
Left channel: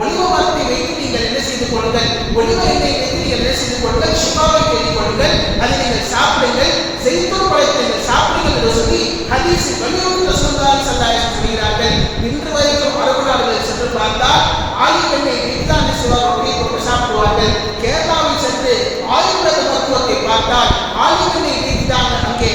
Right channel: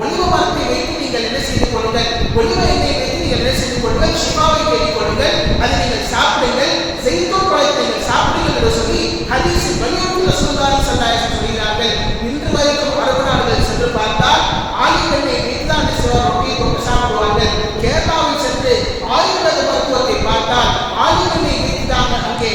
ஒலிவ மரத்தை வைத்து நீங்கள் என்ன செய்து கொள்ளுங்கள், ஒலிவ எண்ணெய் வைத்து நீங்கள் என்ன செய்து கொள்ளுங்கள், ஷிஃபாவை தேடிக் கொள்ளுங்கள், அதை நீங்கள் சாப்பிடுங்கள், ஜெய்தூன் பழத்தை நீங்கள் சாப்பிடுங்கள் என்று சொல்லி ஹதீஸில் வலியுறுத்தி ரசூலுல்லாஹி ஸல்லல்லாஹு அலைஹி வஸல்லம் சொல்கிறார்கள். இன்று வரைக்கும் அரபு நாடுகளில் சென்று பார்த்தால் ஆலிவ் எண்ணெய் வைத்து தான் ரொட்டியை கொண்டு சாப்பிடுவார்கள். கேரளாவில் சென்று ஆயுர்வேத மருத்துவத்தை பார்த்தால் ஆலிவ் எண்ணெய் வைத்து தான் அங்கே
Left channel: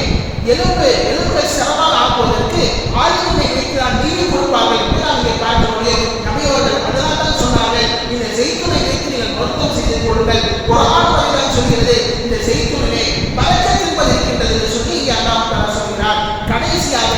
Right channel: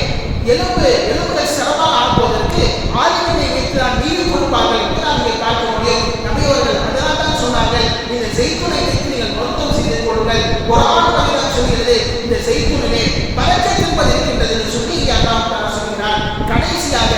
எலும்புகள் சிரமமாக ஆக்குவதற்கு ஆலிவ் எண்ணெய் வைத்து தான் நீவி கொடுப்பார்கள் என்று நாம் இங்கே பார்க்க முடியும். நபி அவர்கள் அதனால் தான் சொன்னார்கள், இந்த ஜெய்தூனை வைத்து நீங்கள் மருத்துவம் செய்து கொள்ளுங்கள். குர்ஆன் வழியாக சொல்கிறது, இந்த ஜெய்தூனிலே பரக்கத் என்பது இருக்கின்றது என்று சொல்லி இங்கே அல்லாஹ் தஆலா சொல்கிறார். கடைசியாக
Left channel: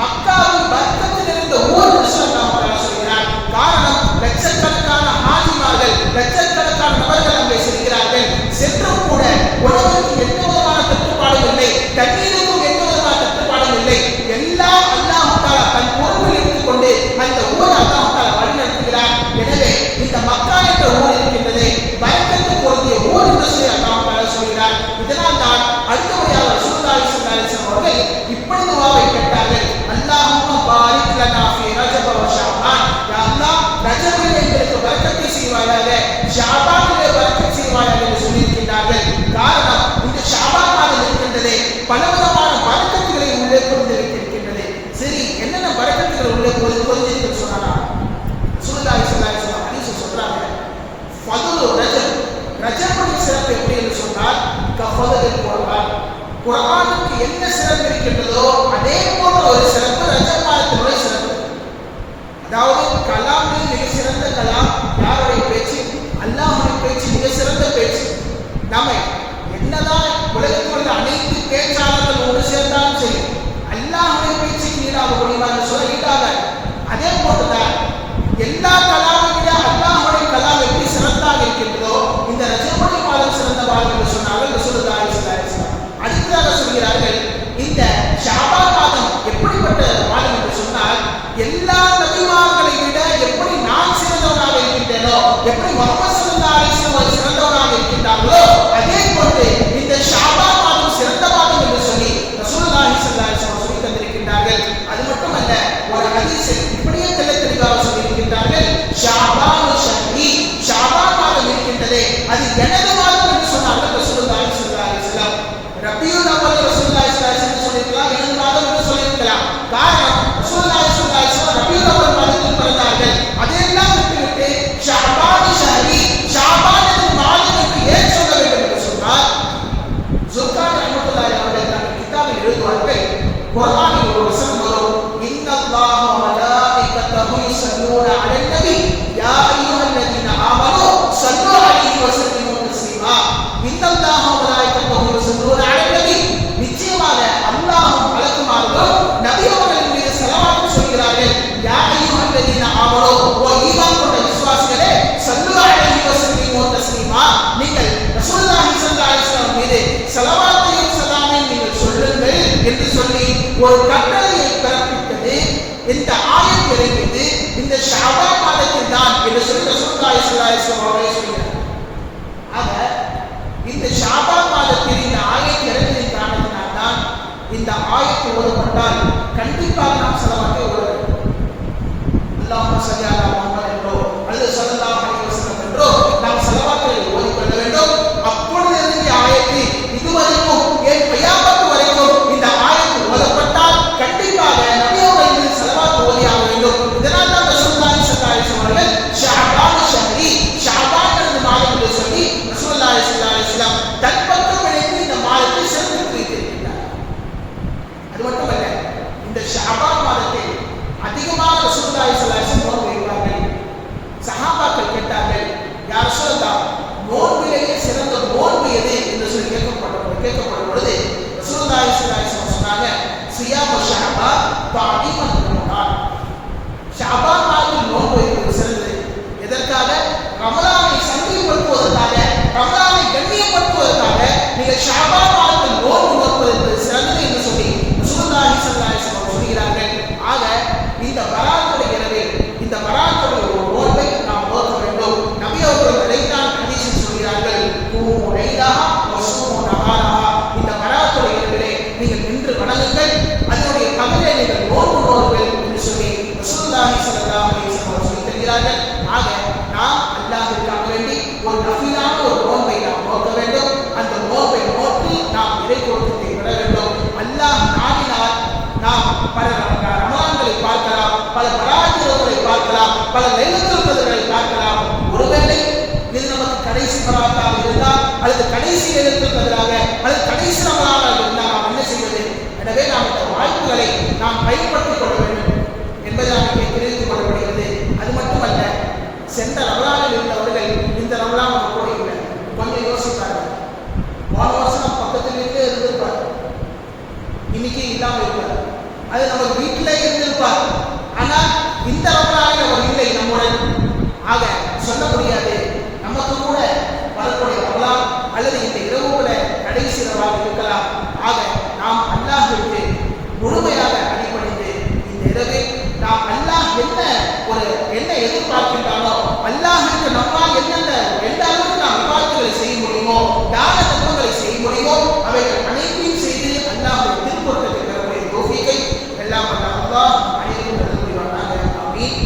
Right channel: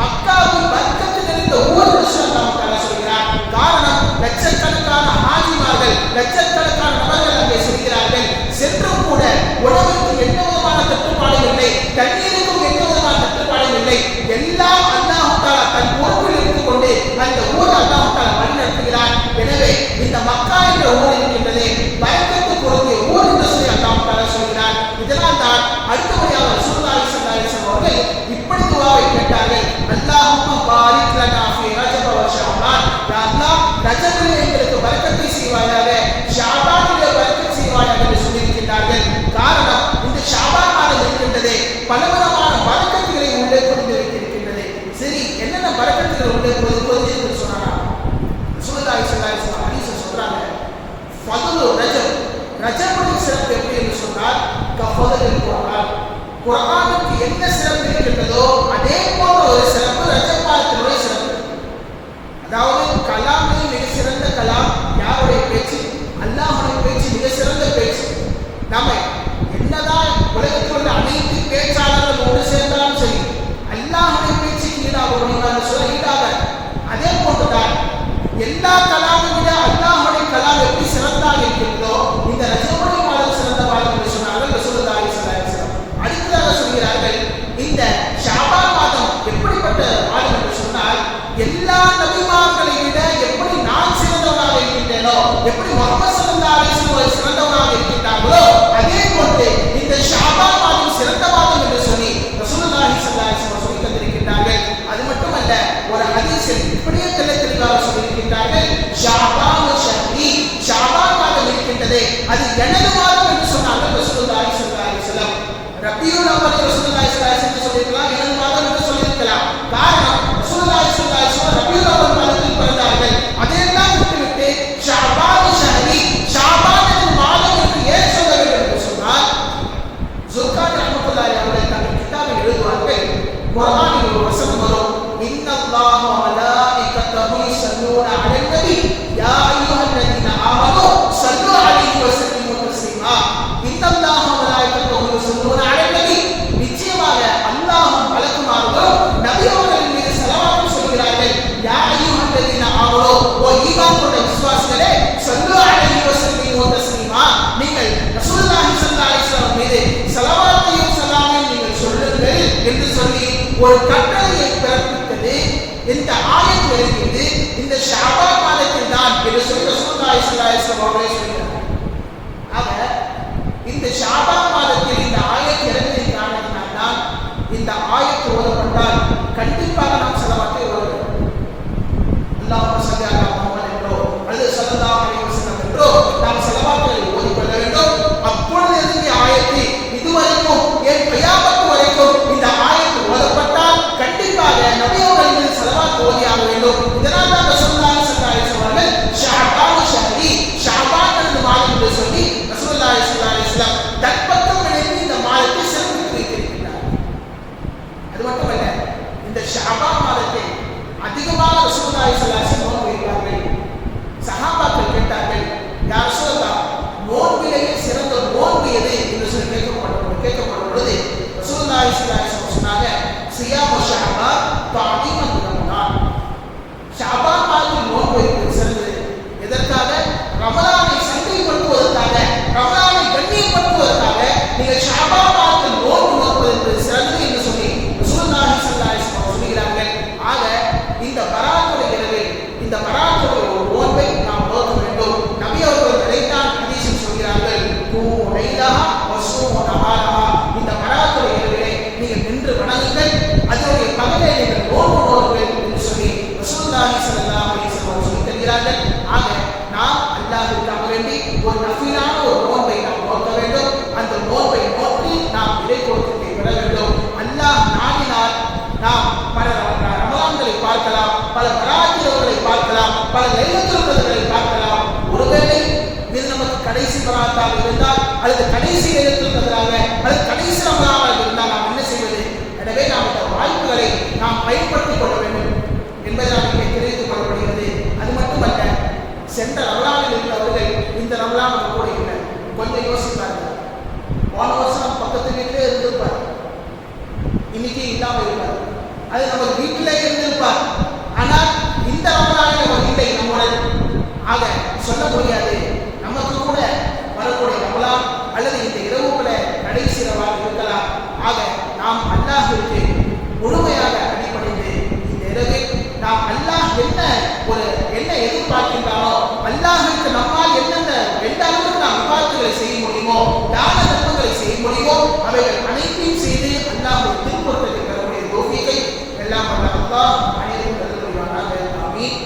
மக்காவில் பரக்கத்து நிறைந்த ஊர் என்று அல்லாஹ் தஆலா சொல்கிறார். காரணம், லட்சக்கணக்கான ஹாஜிமார்கள், லட்சக்கணக்கான நபர்கள் அங்கே செல்கிறார்கள். சென்றும் கூட உணவுக்கு எந்த விதமான தட்டுப்பாடும் இல்லை, தண்ணீருக்கும் எந்த விதமான தட்டுப்பாடும் இல்லை. எல்லாம் அல்லாஹ் தஆலா தன் பொறுப்பில் எடுத்துக்கொண்டு அந்த ஊரை அல்லாஹ் தஆலா வழி நடத்துகிறார். எனவே இந்த மக்கா என்ற ஊர் இருக்கின்றது பரக்கத்து பொருந்திய ஊர் என்று சொல்லி அல்லாஹ் தஆலா சொல்கிறார். இதனால் தான் அடுத்த முறையாக ரசூலுல்லாஹி ஸல்லல்லாஹு அலைஹி வஸல்லம் அவர்கள் இப்படி துஆவை கேட்டார்கள், அல்லாஹும்ம பாரிக் லனா ஃபீ ரஜப வ ஷஅபான். யா அல்லாஹ், ரஜபிலே எங்களுக்கு பரக்கத்தை செய்வாயாக, ஷஅபானிலே பரக்கத் செய்வாயாக என்று சொல்லியிருக்கிறார்கள். காரணம், இந்த ஷஅபான் மாதம் இருக்கின்றதே பலவிதமான பரக்கத்துகளை உள்ளே பொதிந்து வைத்திருக்கின்றது. சரி, என்னென்ன பரக்கத்துகள் உள்ளே பொதிந்து சொன்னா ரசூலுல்லாஹி ஸல்லல்லாஹு அலைஹி வஸல்லம் ஹதீஸ் சொல்றாங்க, ஃபதுலு ரஜப், ரஜபுடைய சிறப்பு எப்படி என்று சொன்னால் கஃபதுல் குர்ஆன், குர்ஆனுக்கு என்ன சிறப்பு இருக்கின்றதோ அதே போன்ற ஒரு சிறப்பு ரஜப் மாதத்தினுடைய சிறப்பு. அதாவது கலாமில் மிக சிறந்த கலாம் யாருடைய பேச்சு? அல்லாஹ்வுடைய பேச்சு மிக சிறந்த பேச்சு. நம்மை என்னதான் உலகத்தில் உள்ள அனைத்து பேச்சாளர்கள் ஒன்று சேர்ந்தாலும் சரி, அல்லாஹ்வுடைய பேச்சுக்கு ஈடாக முடியுமா என்று சொல்ல ஈடாகாது. அதே போன்றுதான் எல்லா கலாமை விட அல்லாஹ்வுடைய கலாம் எப்படி சிறந்தாக இருக்கின்றதோ இந்த ரஜபுடைய மாதம் சிறந்த மாதம் என்று சொன்னார்கள் ரசூலுல்லாஹி ஸல்லல்லாஹு அலைஹி வஸல்லம். அடுத்ததாக சொல்கிறார்கள், இந்த ஷஅபான் மாதம் எப்படிப்பட்ட மாதம் என்று சொன்னால், எல்லா நபிமார்களை விட எப்படி நான் சிறந்தவனாக இருக்கின்றேனோ, எப்படி முஹம்மது ஸல்லல்லாஹு அலைஹி வஸல்லம் சிறந்தவனாக இருக்கின்றார்களோ, அதே போன்று இந்த ஷஅபான் மாதம் சிறந்த மாதம் என்று சொல்லி ரசூலுல்லாஹி ஸல்லல்லாஹு அலைஹி வஸல்லம் சொல்லி தந்திருக்கின்றார்கள். அது மட்டுமல்ல, ஒரு ஹதீஸில் இப்படியே தெளிவாக சொல்லியிருக்கின்றார்கள், ஷஅபான் ஷஹ்ரி, ஷஅபான் மாதம் இருக்கின்றதே அது எனது மாதம் என்று சொன்னார்கள் ரசூலுல்லாஹி ஸல்லல்லாஹு அலைஹி வஸல்லம். ரபியுல் அவ்வல் ரசூலுல்லாஹி ஸல்லல்லாஹு அலைஹி வஸல்லம் சொல்லியிருக்கலாம், எனது மாதம் என்று சொல்லியிருக்கலாம். காரணம், ரசூலுல்லாஹி ஸல்லல்லாஹு அலைஹி வஸல்லம் ரபியுல் அவ்வல் மாதத்தில் பிறந்தார்கள். அதையெல்லாம் விட்டுவிட்டு ஷஅபான் ஷஹ்ரி, ஷஅபான் என்ற மாதம் என்று ஏன் சொல்ல வேண்டும் என்று சொன்னால், ஜுல்கான் ரஹ்மத்துல்லாஹி அவர்கள் தங்கள் கிதாபில் எழுதுவார்கள், குர்ஆனில் ஒரு வசனம் வரும், இன்னல்லாஹ வ மலாயிகத்தஹு யுஸல்லூன அலன் நபி யா அய்யுஹல்லதீன ஆமனூ ஸல்லூ அலைஹி வ ஸல்லிமூ தஸ்லீமா. இன்னல்லாஹ வ மலாயிகத்தஹு யுஸல்லூன அலன் நபி, நிச்சயமாக அல்லாஹ்வும் மலக்குமார்களும் நபி அவர்களின் மீது ஸலவாத் சொல்கிறார்கள். யா அய்யுஹல்லதீன ஆமனூ, ஓ ஈமான் கொண்ட விசுவாசிகளே, ஸல்லூ அலைஹி வ ஸல்லிமூ தஸ்லீமா, நீங்கள் ரசூலுல்லாஹி ஸல்லல்லாஹு அலைஹி வஸல்லம் மீது ஸலவாத்தையும் ஸலாமையும் நீங்கள் சொல்லுங்கள் என்று சொல்லி ஒரு கட்டளையை பிறப்பித்தது. இந்த ஆயத் இறங்கியது இந்த ஷஅபான் மாதத்தில் தான் என்று சொல்லி ரசூலுல்லாஹி ஸல்லல்லாஹு அலைஹி வஸல்லம் அவர்கள் சொல்கிறார். ஆக இந்த ஷஅபான் மாதத்தில் இந்த ஆயத் இறங்கியதின் காரணத்தினால் தான் இந்த ஆயத் ஓதப்பட்டால் கண்டிப்பாக நாம் ஸலவாத்தை ஓத வேண்டும். அல்லாஹும்ம ஸல்லி அலா முஹம்மத் என்றோ அல்லது ஸல்லல்லாஹு அலைஹி வஸல்லம் என்றோ நாம் ஸலவாத்துகளை ஓதிக்கொள்ள வேண்டும். அப்பொழுது இறங்கிய ஆயத்து இதுவரைக்கும் ஏன் கியாமத் வரைக்கும் இந்த ஆயத்து ஓதப்பட்டால் கண்டிப்பாக நபி அவர்கள் மீது ஸலவாத் ஓதியாக வேண்டும். இதனால் தான் ரசூலுல்லாஹி ஸல்லல்லாஹு அலைஹி வஸல்லம் அவர்கள் ஷஅபான் ஷஹ்ரி, ஷஅபான் என்ற மாதம் என்று சொல்லி ரசூலுல்லாஹி ஸல்லல்லாஹு அலைஹி வஸல்லம் தற்பக்கம் இணைந்து இந்த மாதத்தை சிறப்பித்து வைத்திருக்கிறார். அது மட்டுமல்ல, இந்த ஷஅபான் மாதத்தை அதிகமாக ரசூலுல்லாஹி ஸல்லல்லாஹு அலைஹி வஸல்லம் நோன்பு வைப்பார்கள். சஹாபாக்கள் கேட்டார்கள், யா ரசூலல்லாஹ், நோன்பிலேயே சிறந்த நோன்பு எது என்று சொல்லி கேட்கப்படும் பொழுது ரசூலுல்லாஹி ஸல்லல்லாஹு அலைஹி வஸல்லம் சொன்னாங்க, சியாமு ஷஅபான் தஅலீமன் ரமலான். ஷஅபான் மாதத்தில் நோன்பு வைப்பது சிறந்தது. எதற்காக? ரமலானை சந்தைப்படுத்துவதற்காக, ரமலானை கண்ணியப்படுத்துவதற்காக நீங்கள் ஷஅபான் மாதத்தில் நோன்பு நோற்பது என்பது சிறந்தது என்று சொல்லி ரசூலுல்லாஹி ஸல்லல்லாஹு அலைஹி வஸல்லம் சொல்கிறார்கள். ஆக இந்த பராத்துடைய இரவே, இந்த பராத்துடைய ஒரு நோன்பை நாம் நோக்க வேண்டும். நபி அவர்கள் அதைத்தான் ஹதீஸில் சொல்கிறார்கள், கூமு லைலஹா வ ஸூமு நஹாரஹா. இந்த பராத்துடைய இரவிலே நீங்கள் நின்று வணங்குங்கள், அதனுடைய பகலை நீங்கள் நோன்பு நோக்குங்கள் என்று சொல்லி ரசூலுல்லாஹி ஸல்லல்லாஹு அலைஹி வஸல்லம் சொல்லி தருகிறார்கள். ஆக நாம் அல்லாஹ்விற்காக வேண்டி ஒரு நஃபிலான தராவிகளை பார்க்கலாம், பல பராத்திரங்களை பார்க்கலாம், பல லைலத்துல் கத்ர்களை பார்க்கலாம். ஒருவேளை இது நமக்கு கடைசி பராத்தாக இருந்தால், அல்லது கடைசி லைலத்துல் கத்ராக, அல்லது கடைசி ரமலானாக இருந்தால் நாம் என்ன செய்வது? எனவே நாம் இந்த வாய்ப்புகளை நாம் பயன்படுத்திக் கொள்ள வேண்டும் என்பதை நாம் இங்கே தெரிவித்துக் கொள்ளப்படுகிறது. அது மட்டுமல்ல, சென்ற ரமலானில் இருந்தவர்கள் இந்த ரமலான் நம்ம கூட இல்லை. கொஞ்சம் யோசிப்பார்கள். போன வருஷம் நம்ம பக்கத்து வீட்டிலே இருந்திருப்பார், இன்னைக்கு இல்லாமல் இருப்பார். அது நம்ம வீட்டிலே இருந்திருப்பார், ஆனால் இந்த ரமலானில் அவர் இல்லை நம்முடன். ஆக சொல்ல முடியாது, நமக்கு கூட வரக்கூடிய ரமலான் அல்லது இந்த இரவுகளை கடைசி இரவாக இருக்கலாம். ஆக நாம் அல்லாஹ்விற்கு முழுமையாக அடிபணிந்து இந்த இரவில் நாம் அல்லாஹ் என்ன எதிர்பார்க்கின்றானோ, அல்லாஹ்விற்கு நம்மால் என்னென்ன எந்த அளவுக்கு நாம் விவாதங்களை செய்ய முடியுமோ, தான தர்மங்களை செய்ய முடியுமோ, அவைகள் அனைத்தையும் செய்து அல்லாஹ்வை திருப்பொருத்தத்தை பெறக்கூடிய தௌஃபீகை எல்லாம் வல்ல அல்லாஹ் அனைவரும் நல்ல புரிவானாக. ஆமீன்.